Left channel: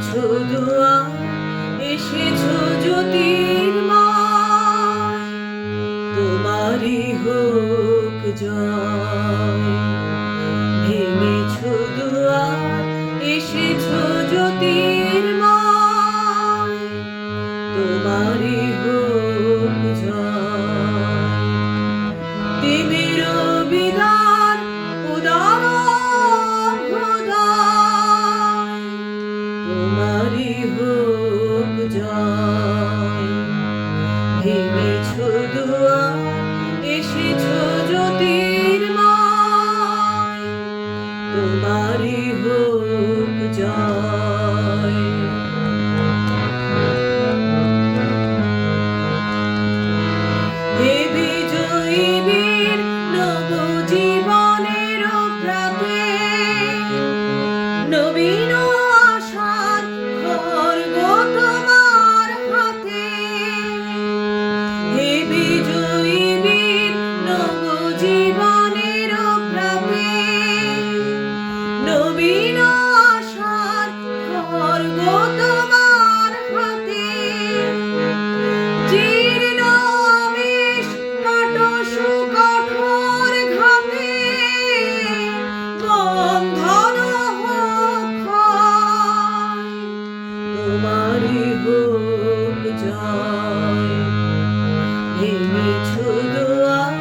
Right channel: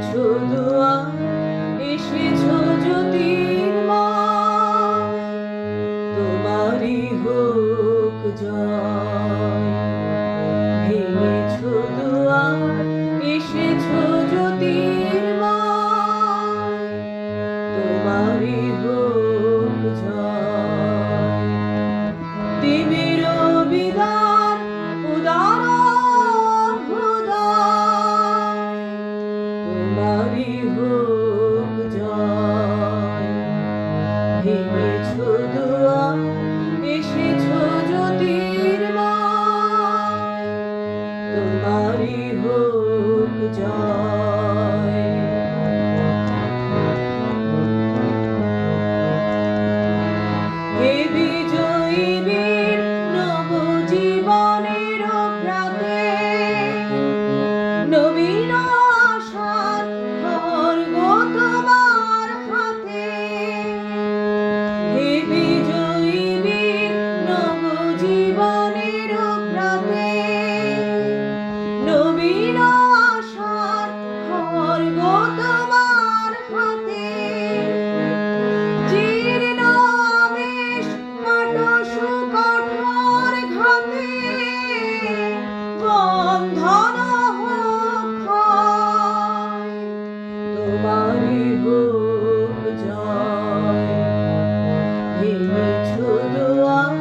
ভেঙেছো দুয়ার, এসেছো জ্যোতির্ময়, তোমারই হোক জয়। ভেঙেছো দুয়ার, এসেছো জ্যোতির্ময়, তোমারই হোক জয়। দেবের বিদার উদার অভ্যুদয়, তোমারই হোক জয়। ভেঙেছো দুয়ার, এসেছো জ্যোতির্ময়, তোমারই হোক জয়। হে বিজয়ী বীর নবজীবনের প্রাতে, নবীন আশার খড়গ তোমার হাতে। হে বিজয়ী বীর নবজীবনের প্রাতে, নবীন আশার খড়গ তোমার হাতে। জীর্ণ আবেশ কাটো সুকঠোর ঘাতে, বন্ধন হোক ক্ষয়, তোমারই হোক জয়। ভেঙেছো দুয়ার,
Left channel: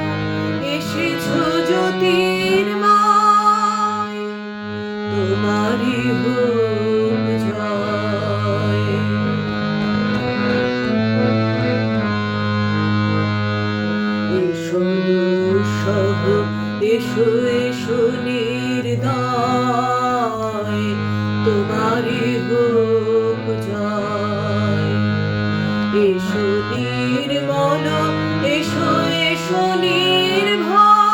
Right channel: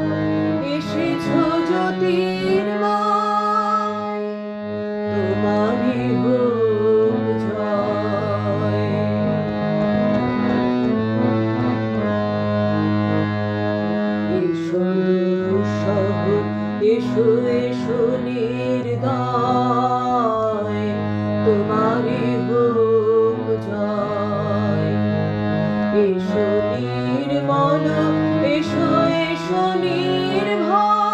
এসেছো জ্যোতির্ময়, তোমারই হোক জয়। এসো দুঃসহ, এসো এসো নির্দয়, তোমারই হোক জয়। এসো নির্মল, এসো এসো নির্ভয়,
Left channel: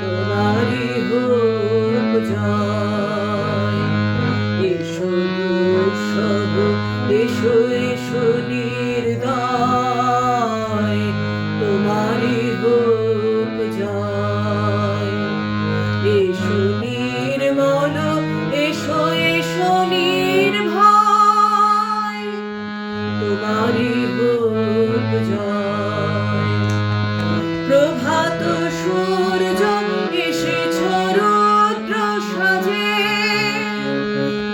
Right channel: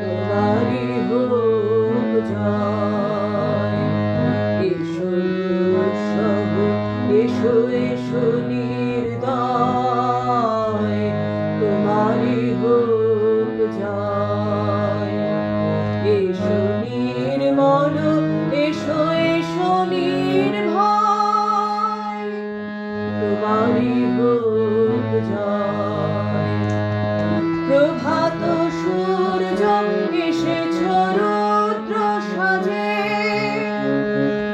তোমারই হোক জয়। এসো দুঃসহ, এসো এসো নির্দয়, তোমারই হোক জয়। এসো নির্মল, এসো এসো নির্ভয়, তোমারই হোক জয়। প্রভাত সূর্য এসেছো রুদ্র সাজে,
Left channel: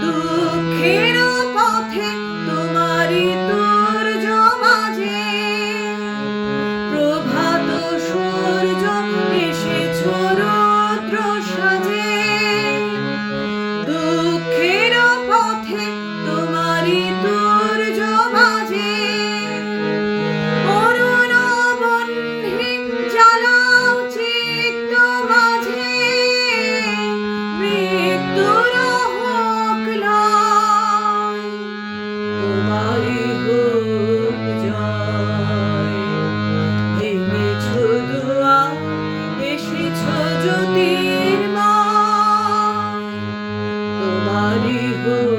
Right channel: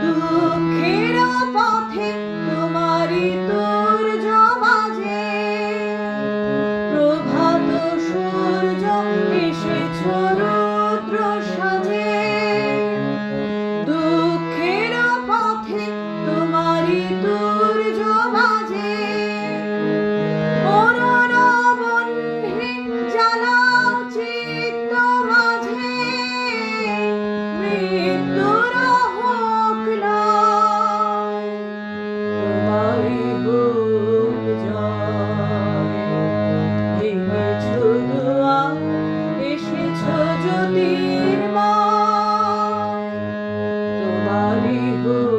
দুঃখের পথে তোমারই তূর্য বাজে। প্রভাত সূর্য এসেছো রুদ্র সাজে, দুঃখের পথে তোমারই তূর্য বাজে। অরুণ বহ্নি জ্বালাও চিত্ত মাঝে, মৃত্যুর হোক লয়, তোমারই হোক জয়। ভেঙেছো দুয়ার, এসেছো জ্যোতির্ময়, তোমারই হোক